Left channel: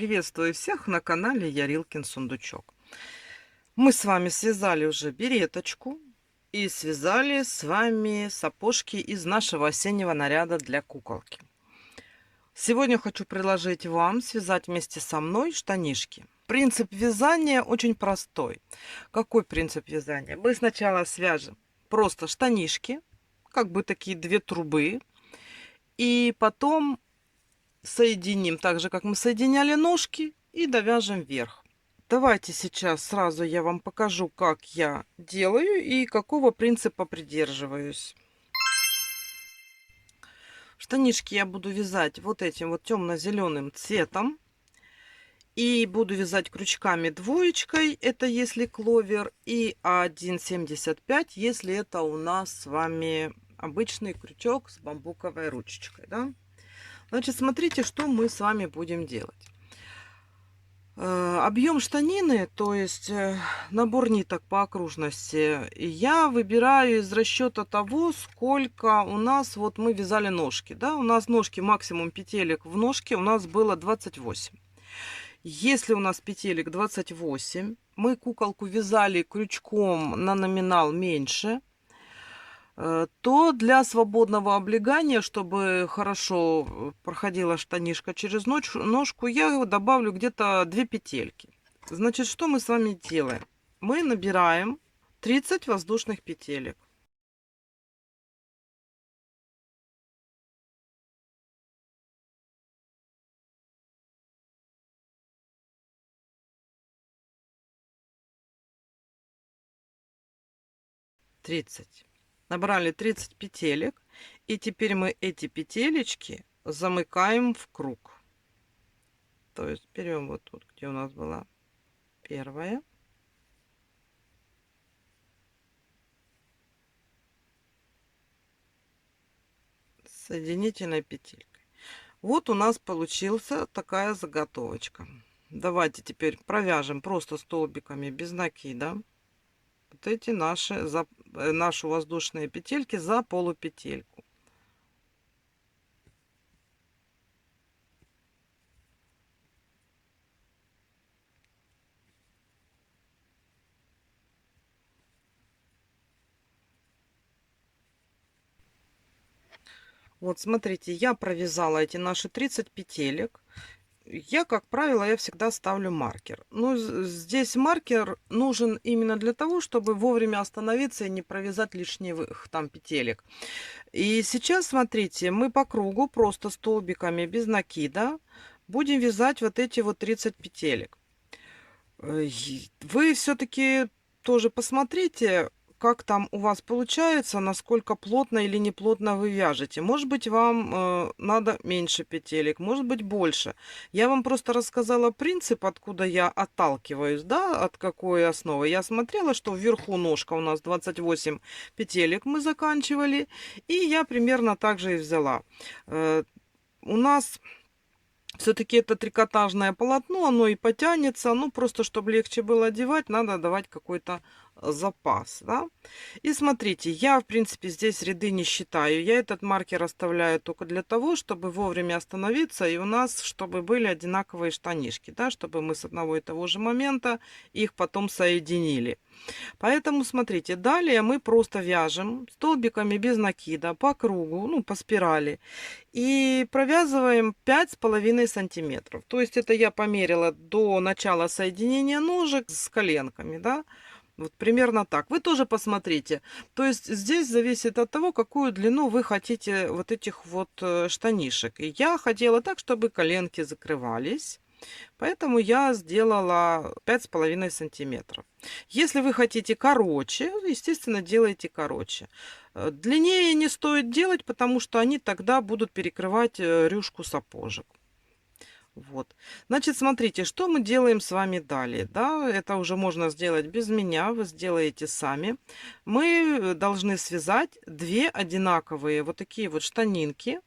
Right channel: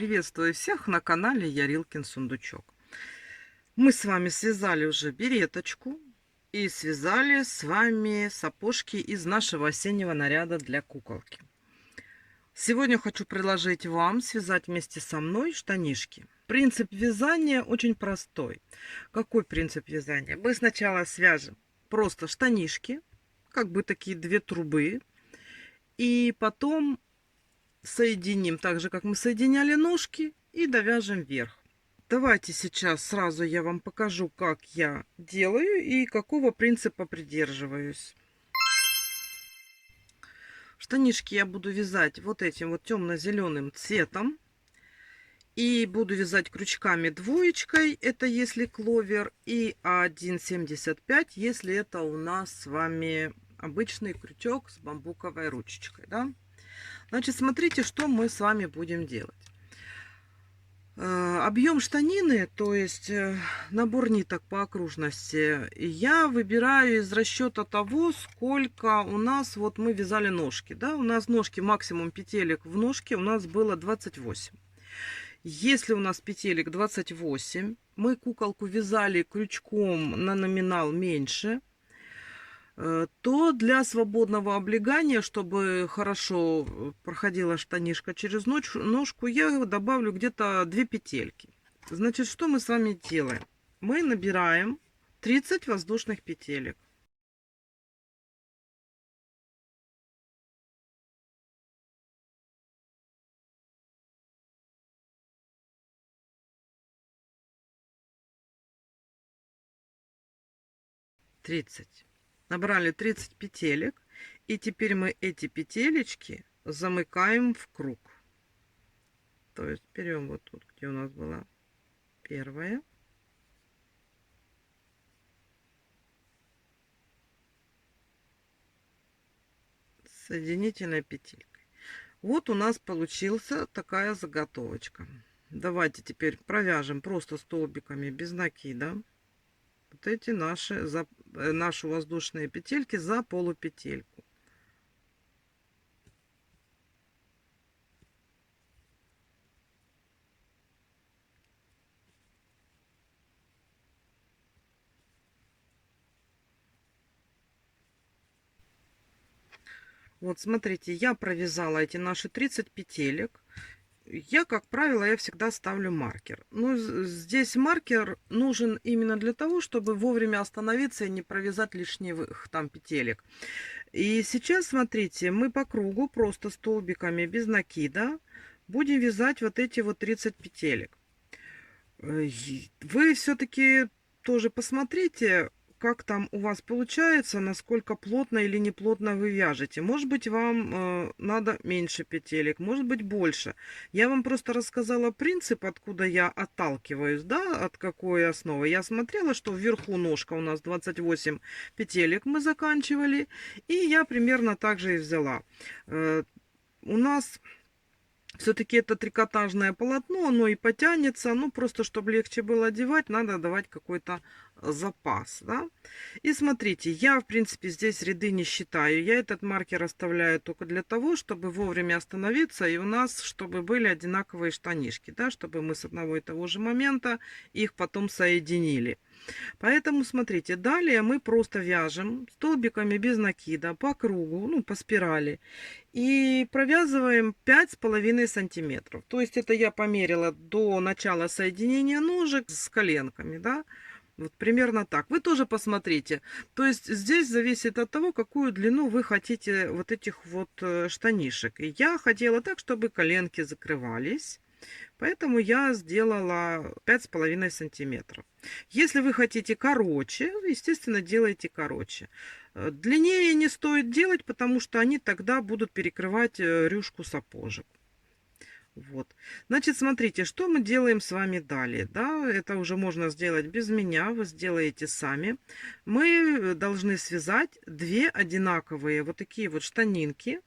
Приветствую всех на канале Ярилкин Сундучок. Мы с вами связали уже береточку и связали с вами сапожки из нашего осеннего наряда для куколки. Сегодня хочу предложить вам связать вместе со мной штанишки. Принцип вязания очень простой. Какой принцип вязания? Мы сначала свяжем просто штанишки, как бы такие две трубы, и потом соединим так же, как мы соединяли ножки, и довяжем вверх. Давайте сейчас сразу я вам покажу, как я делаю и какого принципа придерживаюсь. Штанишки я буду вязать вот этим вот темно-зеленым цветом. И буду вязать крючками двоечкой, это если кловер, и 1,75, если это у нас с вами обычный крючок с бамбуковой ручечкой. Да? Значит, смотрите, что мы с вами будем делать. Объем штанины, то есть набор ниток по окружности, я выбираю из расчета того, сколько у нас, вот мы вязали ножки. Да? У нас ножки, максимум петелек в ножке у нас было 28. Если у нас петелек 28, мы куколку вязали крючком на номинал меньше, то для свободного облегания, чтобы хорошо проходила штанишка через ножку, я добавлю где-то 2 петельки. Значит, что мы с вами делаем? Мы набираем 30 воздушных петелек. Набрали 30 петелек, и теперь мы эти петелечки замыкаем в круг. То есть берем вот тут, где у нас была первая, соединительной петелькой. Вот у нас получился такая заготовочка. Давайте теперь провяжем просто столбиками без накида вот эти наши воздушные петельки за полупетельку. Вот смотрите, я провязала эти наши 30 петелек. Я, как правило, я всегда ставлю маркер. Но здесь маркер нужен именно для того, чтобы вовремя остановиться и не провязать лишних там петелек. И сейчас, смотрите, мы по кругу просто столбиками без накида будем вязать вот эти вот 30 петелек. Вы все-таки тоже посмотрите, как там у вас получается, насколько плотно или не плотно вы вяжете. Может быть, вам надо меньше петелек, может быть, больше. Я вам просто рассказала принцип, откуда я отталкиваюсь, да, от какой основы. Я смотрела, что вверху ножка у нас 28 петелек мы заканчивали, и я примерно так же и взяла. У нас все-таки это трикотажное полотно, оно и потянется, ну просто чтобы легче было одевать, надо давать какой-то запас, да. И смотрите, я в принципе здесь ряды не считаю, я этот маркер оставляю только для того, чтобы вовремя остановиться и у нас чтобы были одинаковые штанишки, да, чтобы мы с одного и того же момента их потом соединили. Поэтому смотрите, далее мы просто вяжем столбиками без накида по кругу, ну по спирали, и провязываем 5,5 сантиметров. То есть это я померила до начала соединения ножек с коленками, да. Вот примерно так. Вы тоже посмотрите. То есть здесь зависит от того, какую длину вы хотите вот этих вот штанишек. И я хотела так, чтобы коленки закрывались. Поэтому я сделала 5,5 сантиметров. Если вы хотите короче, естественно, делайте короче. Длиннее не стоит делать, потому что они тогда будут перекрывать рюшку сапожек. Вот. Значит, смотрите, что мы делаем с вами далее. Да, это уже можно сделать без меня, вы сделаете сами. Мы должны связать 2 одинаковые вот такие вот штанинки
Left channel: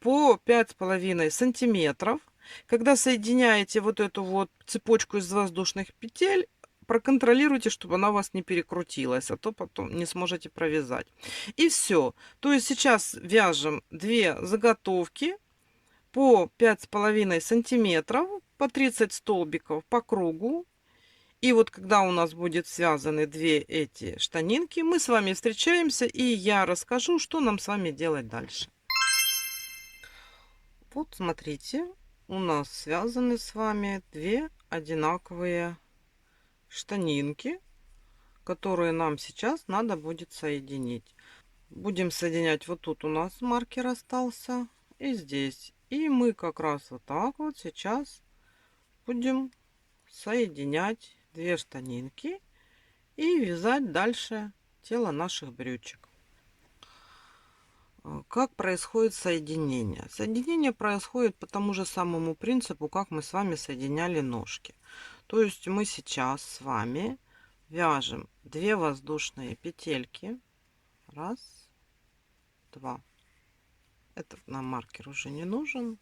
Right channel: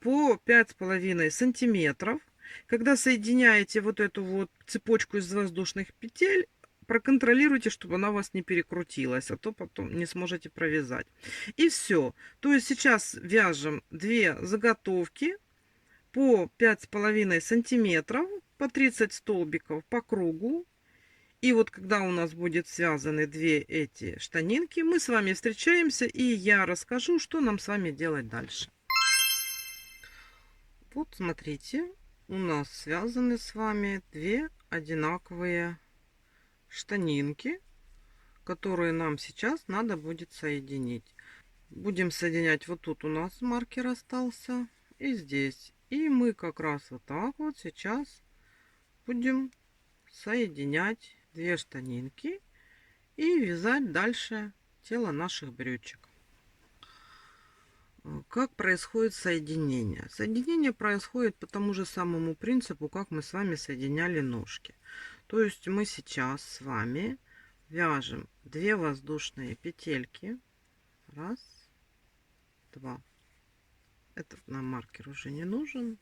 по 5,5 сантиметров. Когда соединяете вот эту вот цепочку из воздушных петель, проконтролируйте, чтобы она у вас не перекрутилась, а то потом не сможете провязать. И все. То есть сейчас вяжем 2 заготовки по 5,5 сантиметров по 30 столбиков по кругу. И вот когда у нас будет связаны две эти штанинки, мы с вами встречаемся, и я расскажу, что нам с вами делать дальше. Вот смотрите, у нас связаны с вами две одинаковые штанинки, которые нам сейчас надо будет соединить. Будем соединять, вот тут у нас маркер остался, и здесь. И мы как раз вот так вот сейчас будем соединять две штанинки и вязать дальше тело наших брючек. Как происходит соединение? Соединение происходит по тому же самому принципу, как мы с вами соединяли ножки. То есть мы сейчас с вами вяжем 2 воздушные петельки. Раз, два. Этот нам маркер уже не нужен.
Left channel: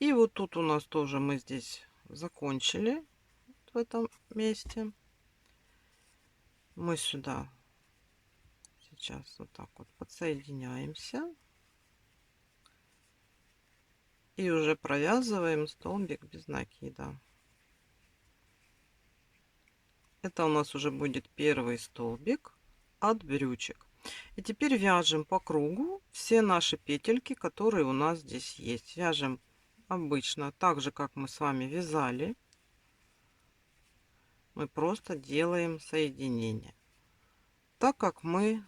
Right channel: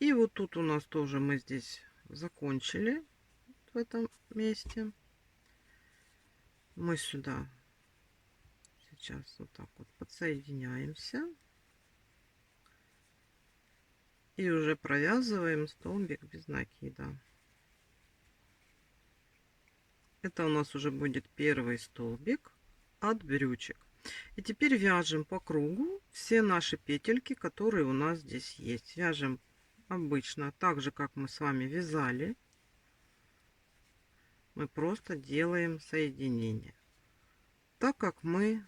И вот тут у нас тоже мы здесь закончили в этом месте. Мы сюда сейчас вот так вот подсоединяемся и уже провязываем столбик без накида. Это у нас уже будет первый столбик от брючек. И теперь вяжем по кругу все наши петельки, которые у нас здесь есть. Вяжем обычно так же, как мы с вами вязали. Мы просто делаем соединение. Так как мы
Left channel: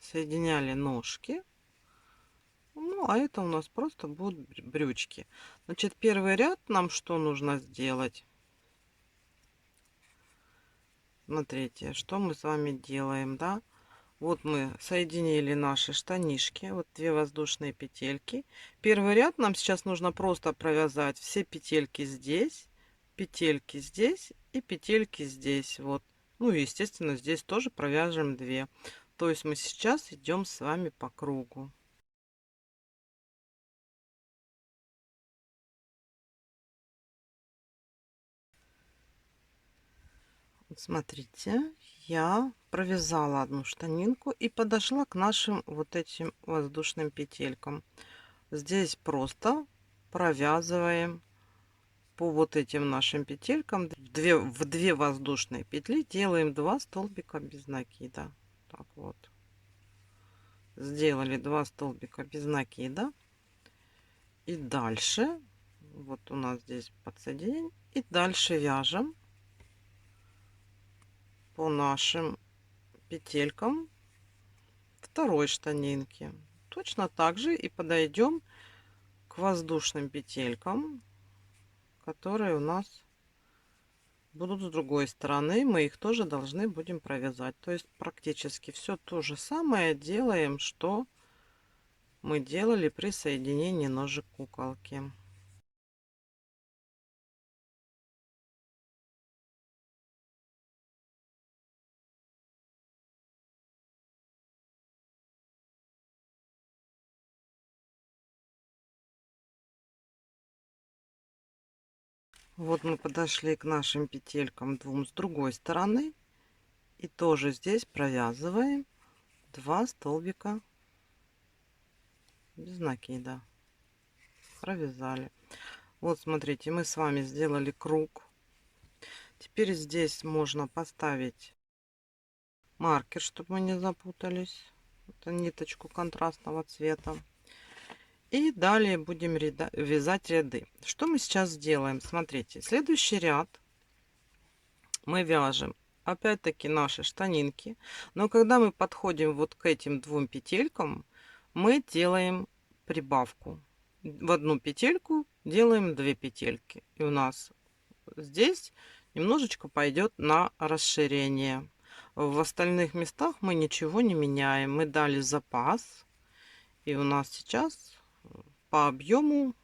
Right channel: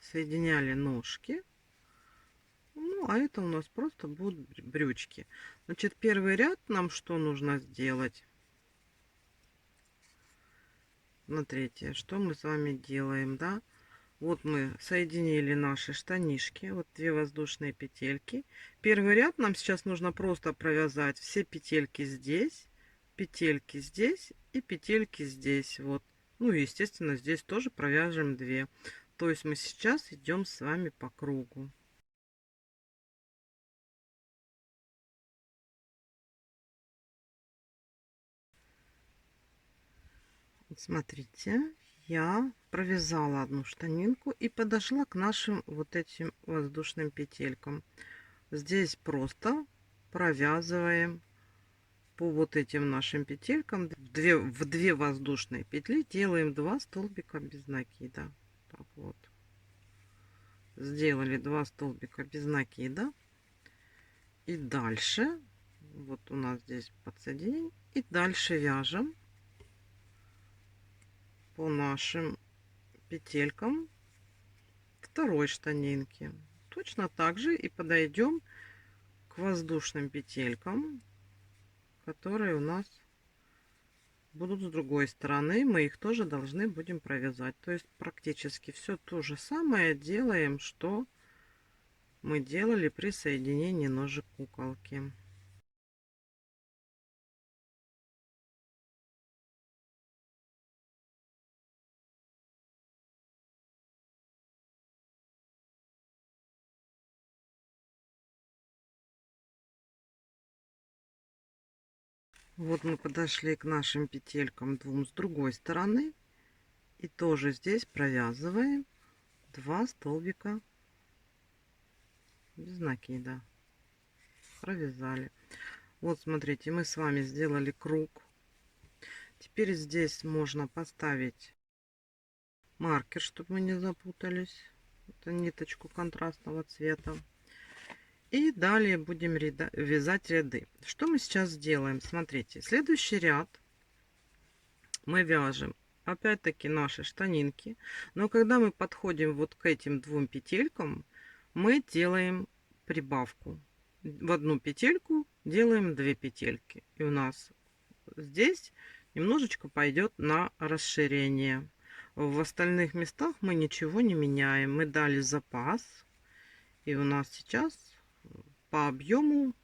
соединяли ножки, ну, а это у нас просто будут брючки. Значит, первый ряд нам что нужно сделать? Смотрите, что мы с вами делаем, да? Вот мы соединили наши штанишки, вот 2 воздушные петельки. Первый ряд нам сейчас нужно просто провязать все петельки здесь и петельки здесь. Вот. Ну и естественно здесь тоже провяжем 2. То есть мы сейчас идем с вами по кругу. Вот смотрите, я провязала одну штанинку и подошла к нашим вот этим воздушным петелькам. Здесь просто провязываем по вот этим нашим петелькам в 2 воздушные петли делаем 2 столбика без накида. Так вот, сделали 2 столбика без накида, и дальше вот у нас здесь подсоединение, и дальше вяжем по нашим петелькам второй штанинки. Точно так же и подойдем к воздушным петелькам, которые у нас будут с другой стороны. Мы их тоже должны будем провязать. То есть практически все то же самое делаем, что мы делали при соединении ножек куколки. Вот мы подошли к нашим петелькам двум с другой стороны, и тоже здесь провязываем 2 столбика без накида. Провязали. Вот смотрите, мы с вами сделали круг. Теперь здесь можно поставить маркер, чтобы мы не запутались. Это ниточку контрастного цвета. И далее будем вязать ряды. Что мы сейчас сделаем? Смотрите, следующий ряд мы вяжем опять-таки наши штанинки. Но когда мы подходим вот к этим 2 петелькам, мы делаем прибавку. В одну петельку делаем 2 петельки. И у нас здесь немножечко пойдет на расширение. В остальных местах мы ничего не меняем. Мы дали запас. И у нас сейчас по объему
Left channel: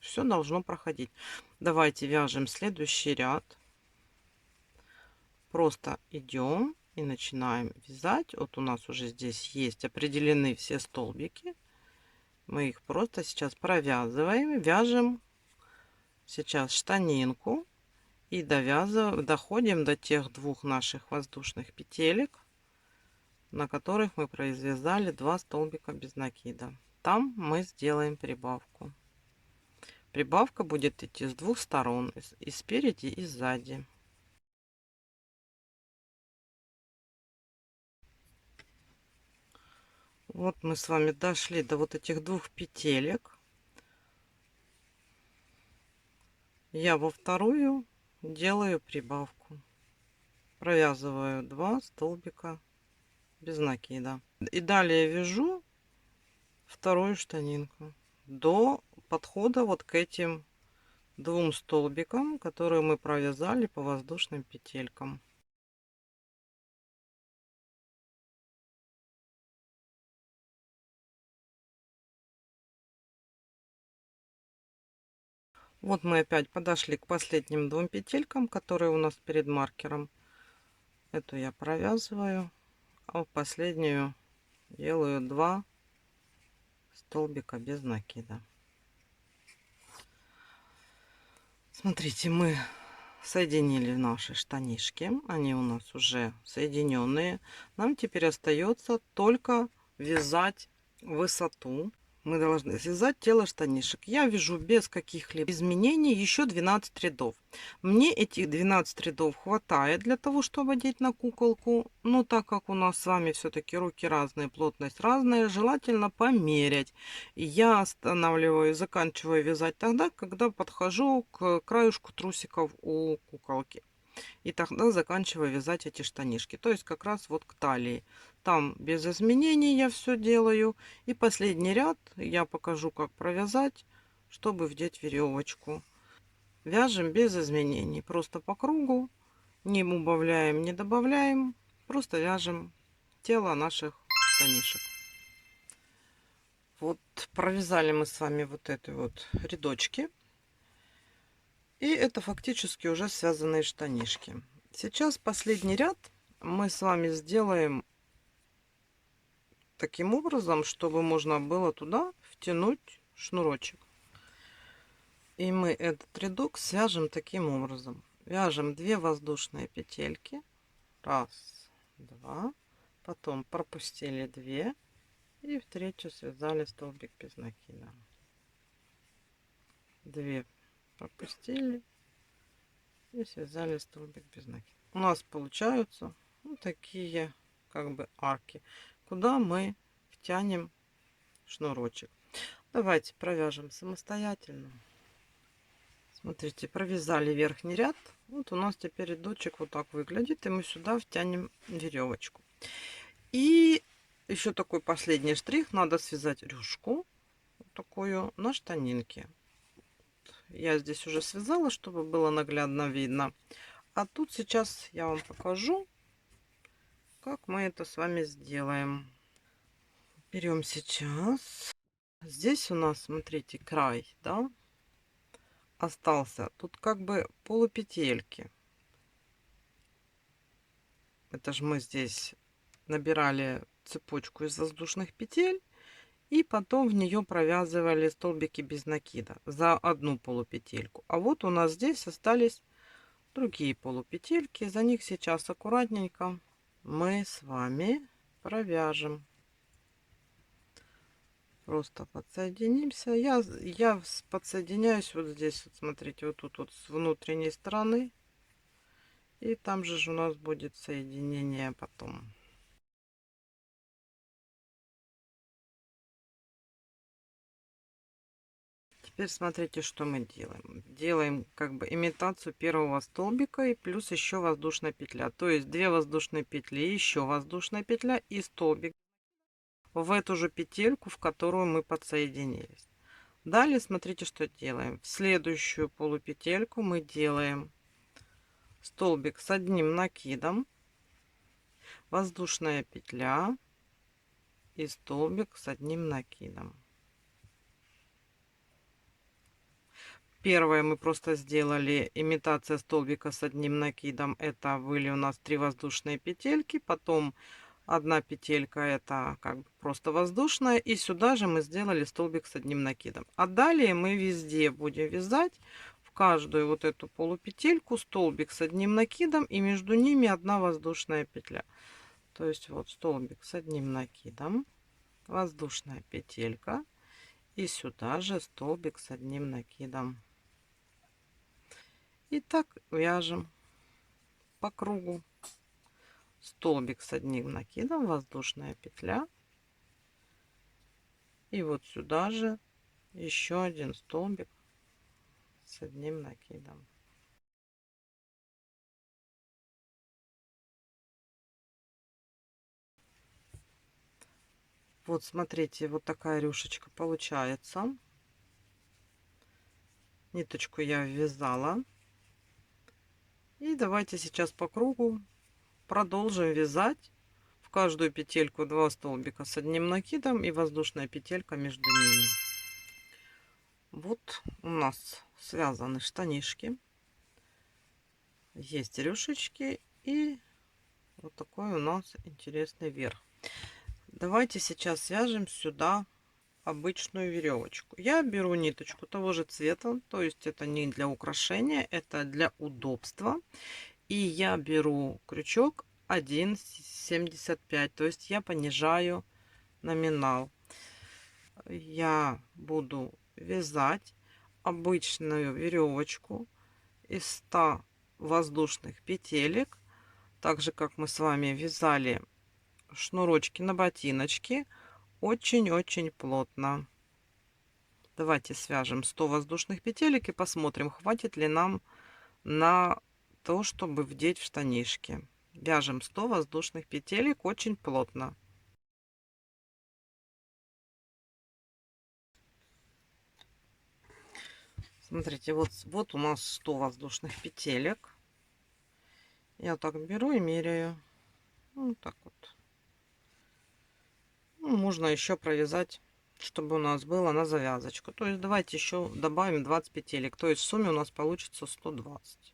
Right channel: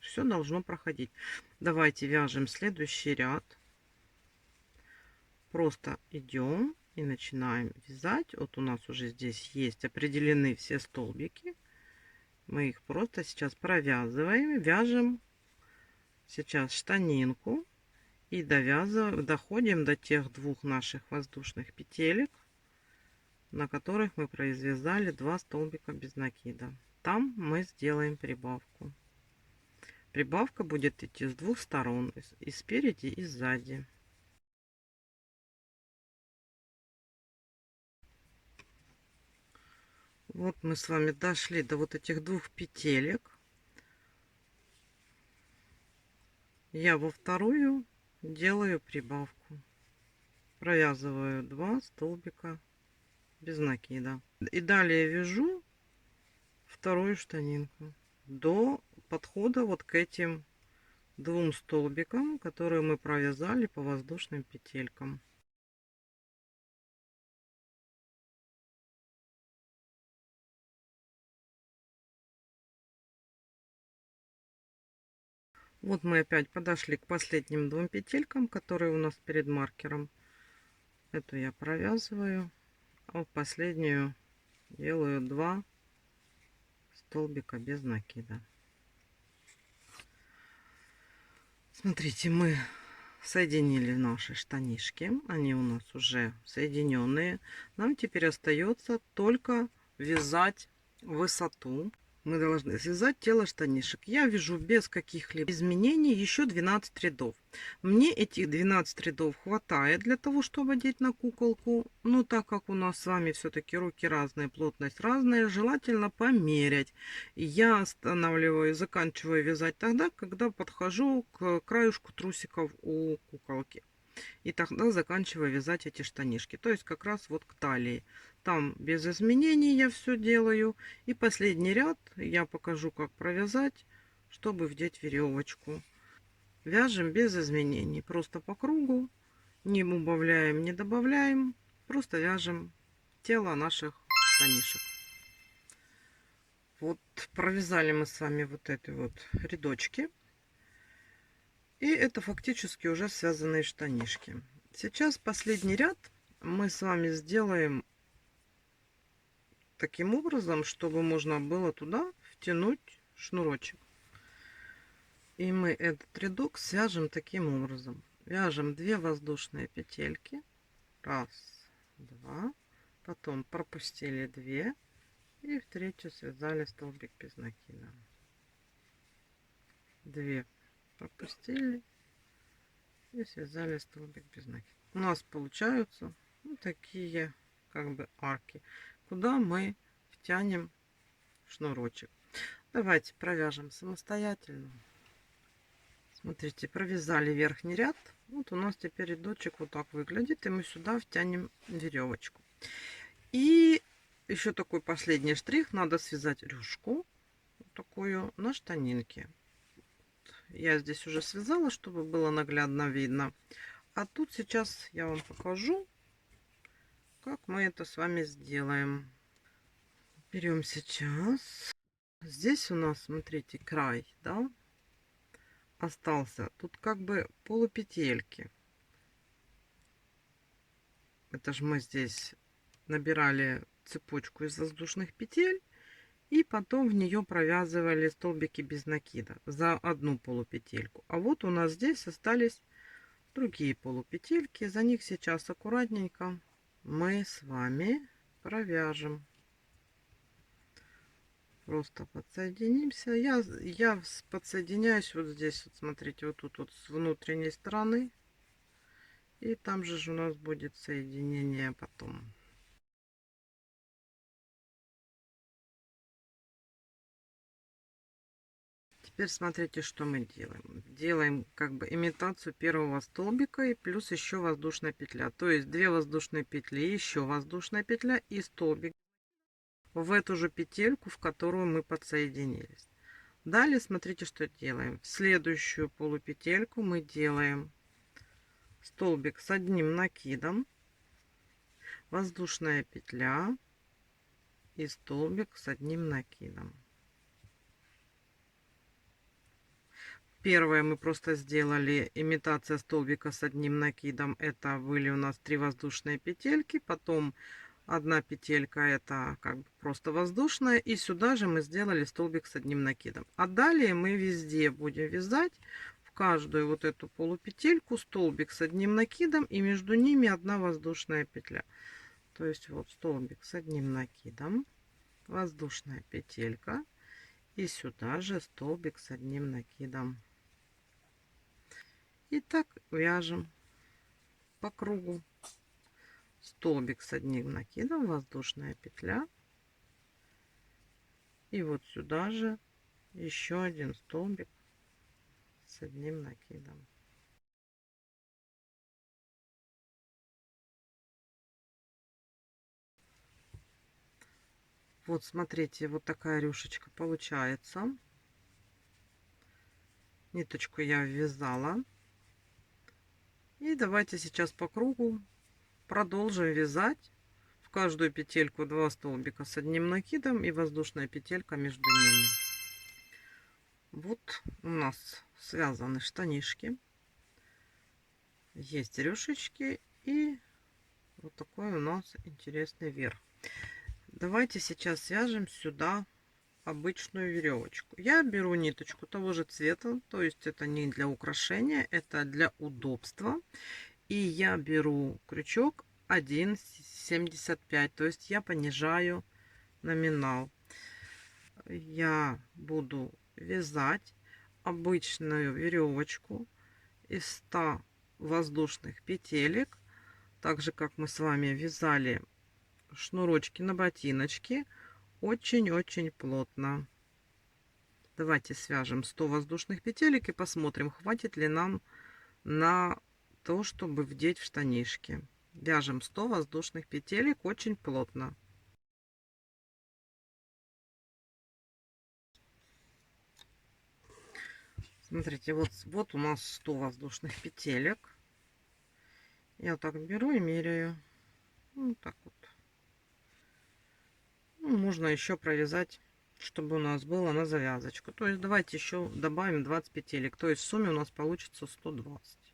все должно проходить. Давайте вяжем следующий ряд. Просто идем и начинаем вязать. Вот у нас уже здесь есть определены все столбики. Мы их просто сейчас провязываем. Вяжем сейчас штанинку. И доходим до тех 2 наших воздушных петелек, на которых мы произвязали 2 столбика без накида. Там мы сделаем прибавку. прибавка будет идти с двух сторон, и спереди, и сзади. Вот мы с вами дошли до вот этих двух петелек. Я во вторую делаю прибавку. Провязываю 2 столбика без накида. И далее вяжу вторую штанинку до подхода вот к этим двум столбикам, которые мы провязали по воздушным петелькам. Вот мы опять подошли к последним двум петелькам, которые у нас перед маркером. Эту я провязываю, а в последнюю делаю 2 столбика без накида. Смотрите, мы соединили наши штанишки, они у нас уже соединенные. Нам теперь остается только вязать высоту. Мы должны связать тело штанишек. Я вяжу без каких-либо изменений еще 12 рядов. Мне этих 12 рядов хватает для того, чтобы одеть на куколку. Но так как у нас с вами все-таки руки разные, плотность разная, желательно померять. Я останавливаю, заканчиваю вязать тогда, когда подхожу к краюшку трусиков у куколки. И тогда заканчиваю вязать эти штанишки. То есть как раз вот к талии. Там без изменений я все делаю. И последний ряд я покажу, как провязать, чтобы вдеть веревочку. Вяжем без изменений. Просто по кругу. Не убавляем, не добавляем. Просто вяжем тело наших штанишек. Вот провязали мы с вами вот эти вот рядочки. И это фактически уже связанные штанишки. Сейчас последний ряд мы с вами сделаем таким образом, чтобы можно было туда втянуть шнурочек. И мы этот рядок свяжем таким образом. Вяжем 2 воздушные петельки. 1, 2. Потом пропустили 2. И в третью связали столбик без накида. 2 пропустили. И связали столбик без накида. У нас получаются вот такие как бы арки, куда мы втянем шнурочек. Давайте провяжем самостоятельно. Смотрите, провязали верхний ряд. Вот у нас теперь рядочек вот так выглядит, и мы сюда втянем веревочку. И еще такой последний штрих: надо связать рюшку вот такую на штанинке. Я здесь уже связала, чтобы было наглядно видно. А тут сейчас я вам покажу, как мы это с вами сделаем. Берем сейчас. Здесь у нас, смотрите, край, да, остался. Тут как бы полупетельки. Это же мы здесь набирали цепочку из воздушных петель и потом в нее провязывали столбики без накида за одну полупетельку. А вот у нас здесь остались другие полупетельки. За них сейчас аккуратненько мы с вами провяжем. Просто подсоединимся. Я подсоединяюсь вот здесь, вот смотрите, вот тут вот с внутренней стороны. И там же у нас будет соединение потом. Теперь смотрите, что мы делаем. Делаем как бы имитацию первого столбика и плюс еще воздушная петля. То есть 2 воздушные петли, еще воздушная петля и столбик в эту же петельку, в которую мы подсоединились. Далее смотрите, что делаем. В следующую полупетельку мы делаем столбик с одним накидом, воздушная петля и столбик с одним накидом. Первое мы просто сделали имитация столбика с одним накидом. Это были у нас 3 воздушные петельки. Потом одна петелька, это как бы просто воздушная. И сюда же мы сделали столбик с одним накидом. А далее мы везде будем вязать в каждую вот эту полупетельку столбик с одним накидом. И между ними одна воздушная петля. То есть вот столбик с одним накидом, воздушная петелька. И сюда же столбик с одним накидом. И так вяжем по кругу. Столбик с одним накидом, воздушная петля. И вот сюда же еще один столбик с одним накидом. Вот смотрите, вот такая рюшечка получается. Ниточку я ввязала. И давайте сейчас по кругу продолжим вязать. В каждую петельку 2 столбика с одним накидом и воздушная петелька между ними. Вот у нас связаны штанишки. Есть рюшечки и вот такой у нас интересный верх. Давайте сейчас свяжем сюда обычную веревочку. Я беру ниточку того же цвета, то есть это не для украшения, это для удобства. И я беру крючок 1,75, то есть я понижаю номинал. Я буду вязать обычную веревочку из 100 воздушных петелек, так же как мы с вами вязали шнурочки на ботиночки, очень-очень плотно. Давайте свяжем 100 воздушных петелек и посмотрим, хватит ли нам на то, чтобы вдеть в штанишки. Вяжем 100 воздушных петелек очень плотно. Смотрите, вот у нас 100 воздушных петелек. Я так беру и меряю. Вот так вот. Ну, можно еще провязать, чтобы у нас было на завязочку. То есть давайте еще добавим 20 петелек. То есть в сумме у нас получится 120.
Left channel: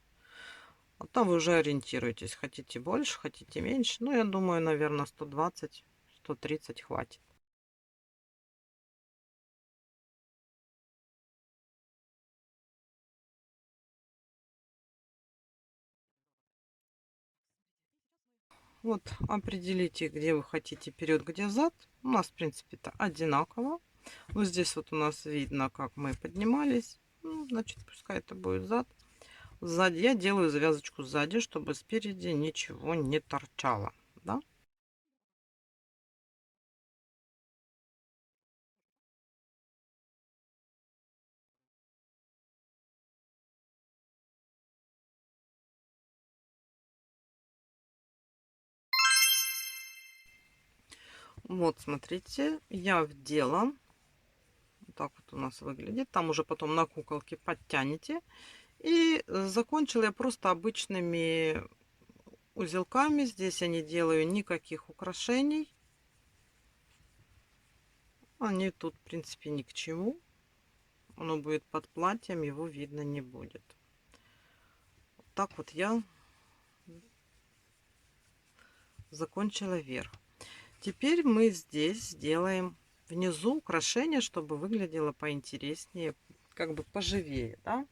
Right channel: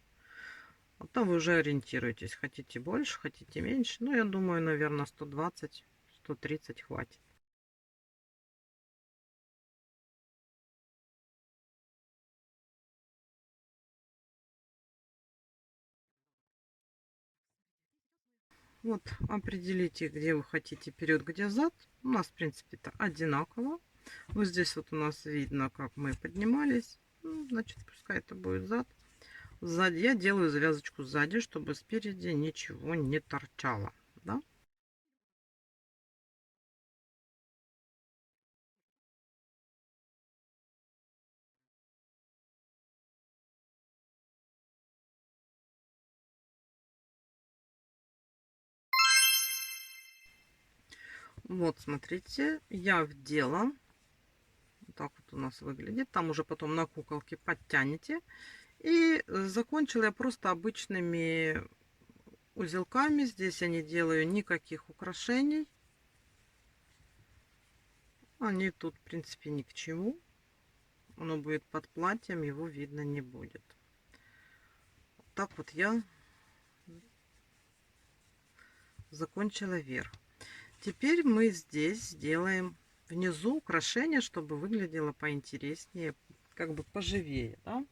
А там вы уже ориентируетесь. Хотите больше, хотите меньше. Ну, я думаю, наверное, 120, 130 хватит. Вот определите, где вы хотите вперед, где зад. У нас, в принципе, это одинаково. Вот здесь вот у нас видно, как мы поднимались. Ну, значит, пускай это будет зад. Сзади я делаю завязочку сзади, чтобы спереди ничего не торчало. Да? Вот, смотрите, я вдела. Вот так вот у нас выглядит. Там уже потом на куколке подтянете. И закончила я просто обычными узелками. Здесь я не делаю никаких украшений. Они тут, в принципе, ни к чему. Оно будет под платьем, его видно не будет. Так вот я закончила верх. Теперь мы здесь сделаем внизу украшение, чтобы выглядело поинтереснее, как бы поживее, да?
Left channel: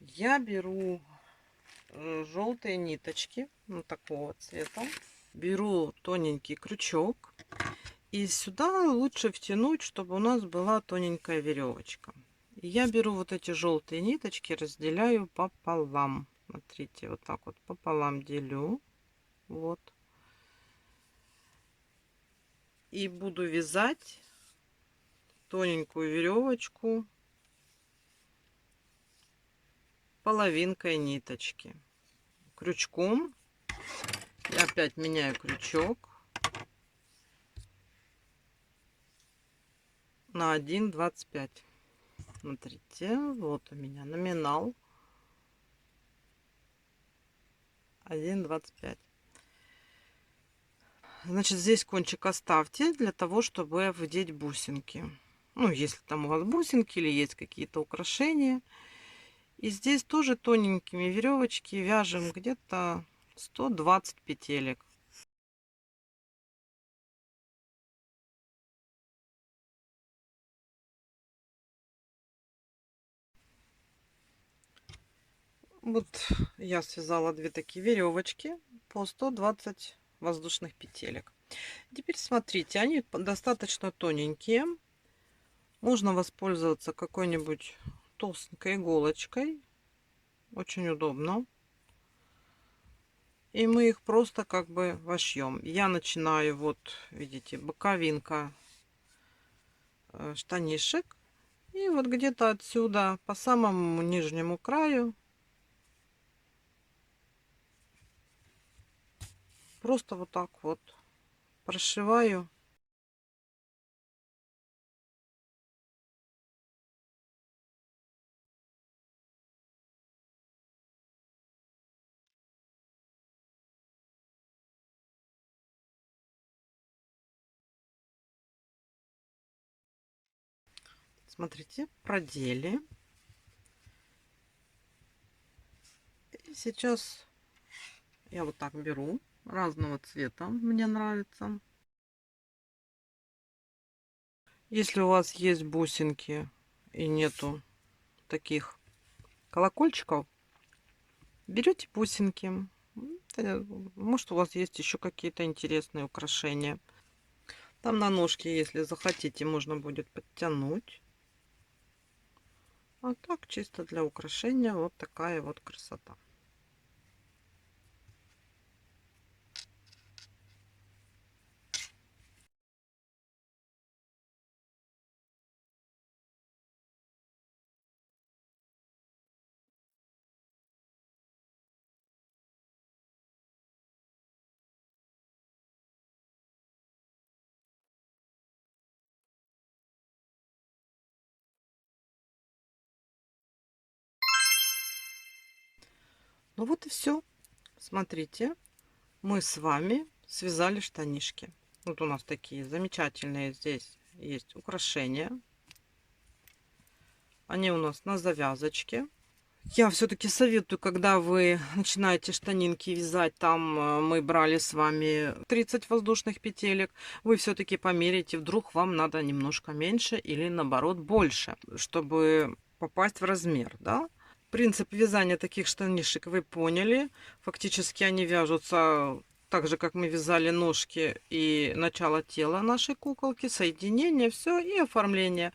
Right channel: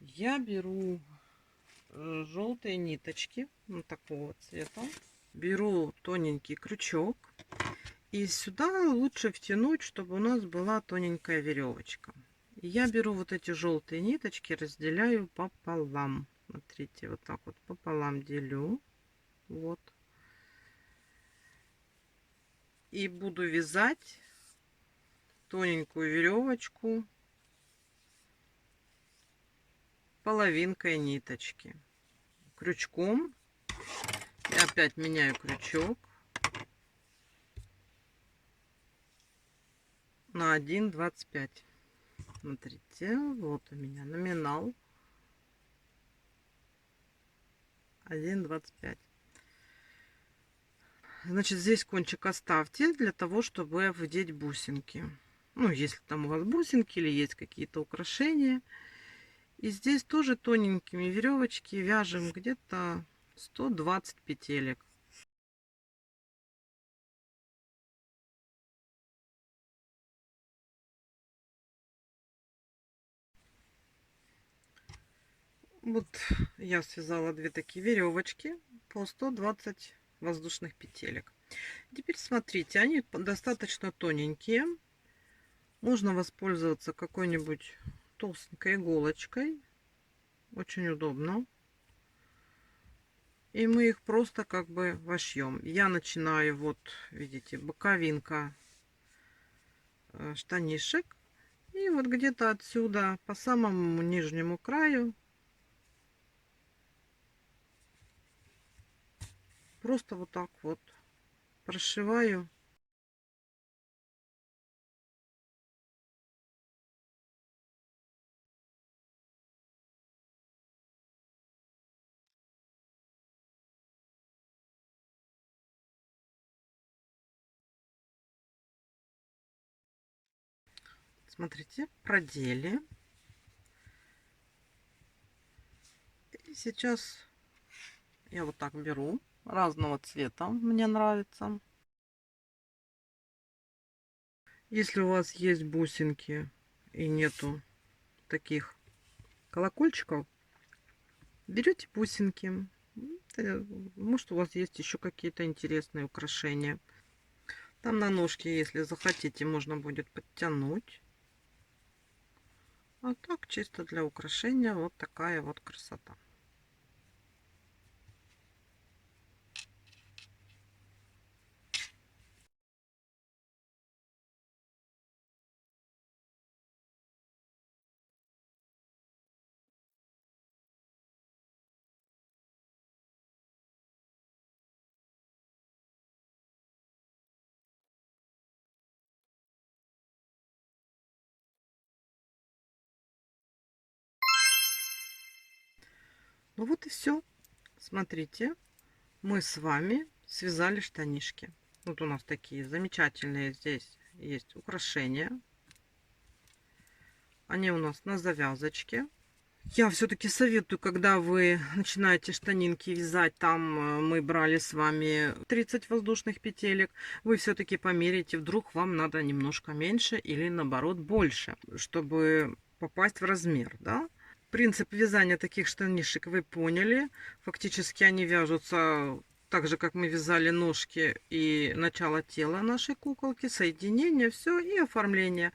Я беру желтые ниточки, вот такого цвета. Беру тоненький крючок. И сюда лучше втянуть, чтобы у нас была тоненькая веревочка. И я беру вот эти желтые ниточки, разделяю пополам. Смотрите, вот так вот пополам делю. Вот. И буду вязать тоненькую веревочку половинкой ниточки. Крючком. Я опять меняю крючок на 1,25. Смотрите, вот у меня номинал 1,25. Значит, здесь кончик оставьте для того, чтобы вдеть бусинки. Ну, если там у вас бусинки или есть какие-то украшения. И здесь тоже тоненькими веревочки вяжем где-то 120 петелек. Вот я связала две такие веревочки по 120 воздушных петелек. Теперь смотрите, они достаточно тоненькие. Можно воспользоваться какой-нибудь толстенькой иголочкой. Очень удобно. И мы их просто как бы вошьем. Я начинаю, вот видите, боковинка штанишек. И вот где-то отсюда по самому нижнему краю просто вот так вот прошиваю. Смотрите, продели. И сейчас я вот так беру разного цвета, мне нравится. Если у вас есть бусинки и нету таких колокольчиков, берете бусинки. Может, у вас есть еще какие-то интересные украшения. Там на ножке, если захотите, можно будет подтянуть. А так, чисто для украшения, вот такая вот красота. Ну вот и все. Смотрите, мы с вами связали штанишки. Вот у нас такие замечательные здесь есть украшения. Они у нас на завязочке. Я все-таки советую, когда вы начинаете штанинки вязать, там мы брали с вами 30 воздушных петелек, вы все-таки померите, вдруг вам надо немножко меньше или наоборот больше, чтобы попасть в размер, да? Принцип вязания таких штанишек вы поняли. Фактически они вяжутся так же, как мы вязали ножки и начало тела нашей куколки, соединение, все и оформление.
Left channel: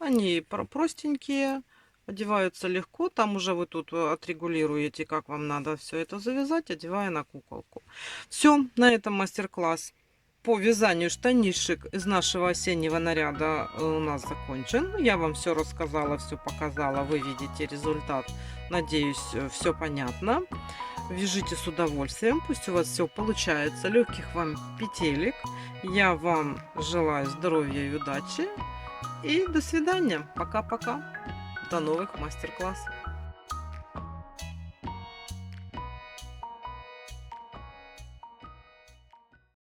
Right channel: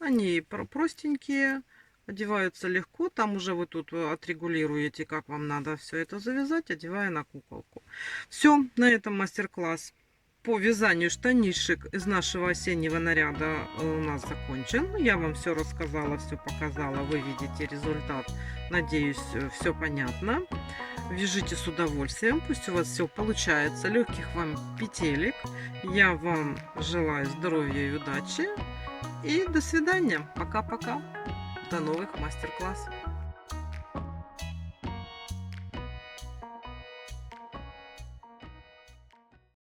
Они простенькие, одеваются легко. Там уже вы тут отрегулируете, как вам надо все это завязать, одевая на куколку. Все, на этом мастер-класс по вязанию штанишек из нашего осеннего наряда у нас закончен. Я вам все рассказала, все показала. Вы видите результат. Надеюсь, все понятно. Вяжите с удовольствием. Пусть у вас все получается. Легких вам петелек. Я вам желаю здоровья и удачи. И до свидания. Пока-пока. До новых мастер-классов.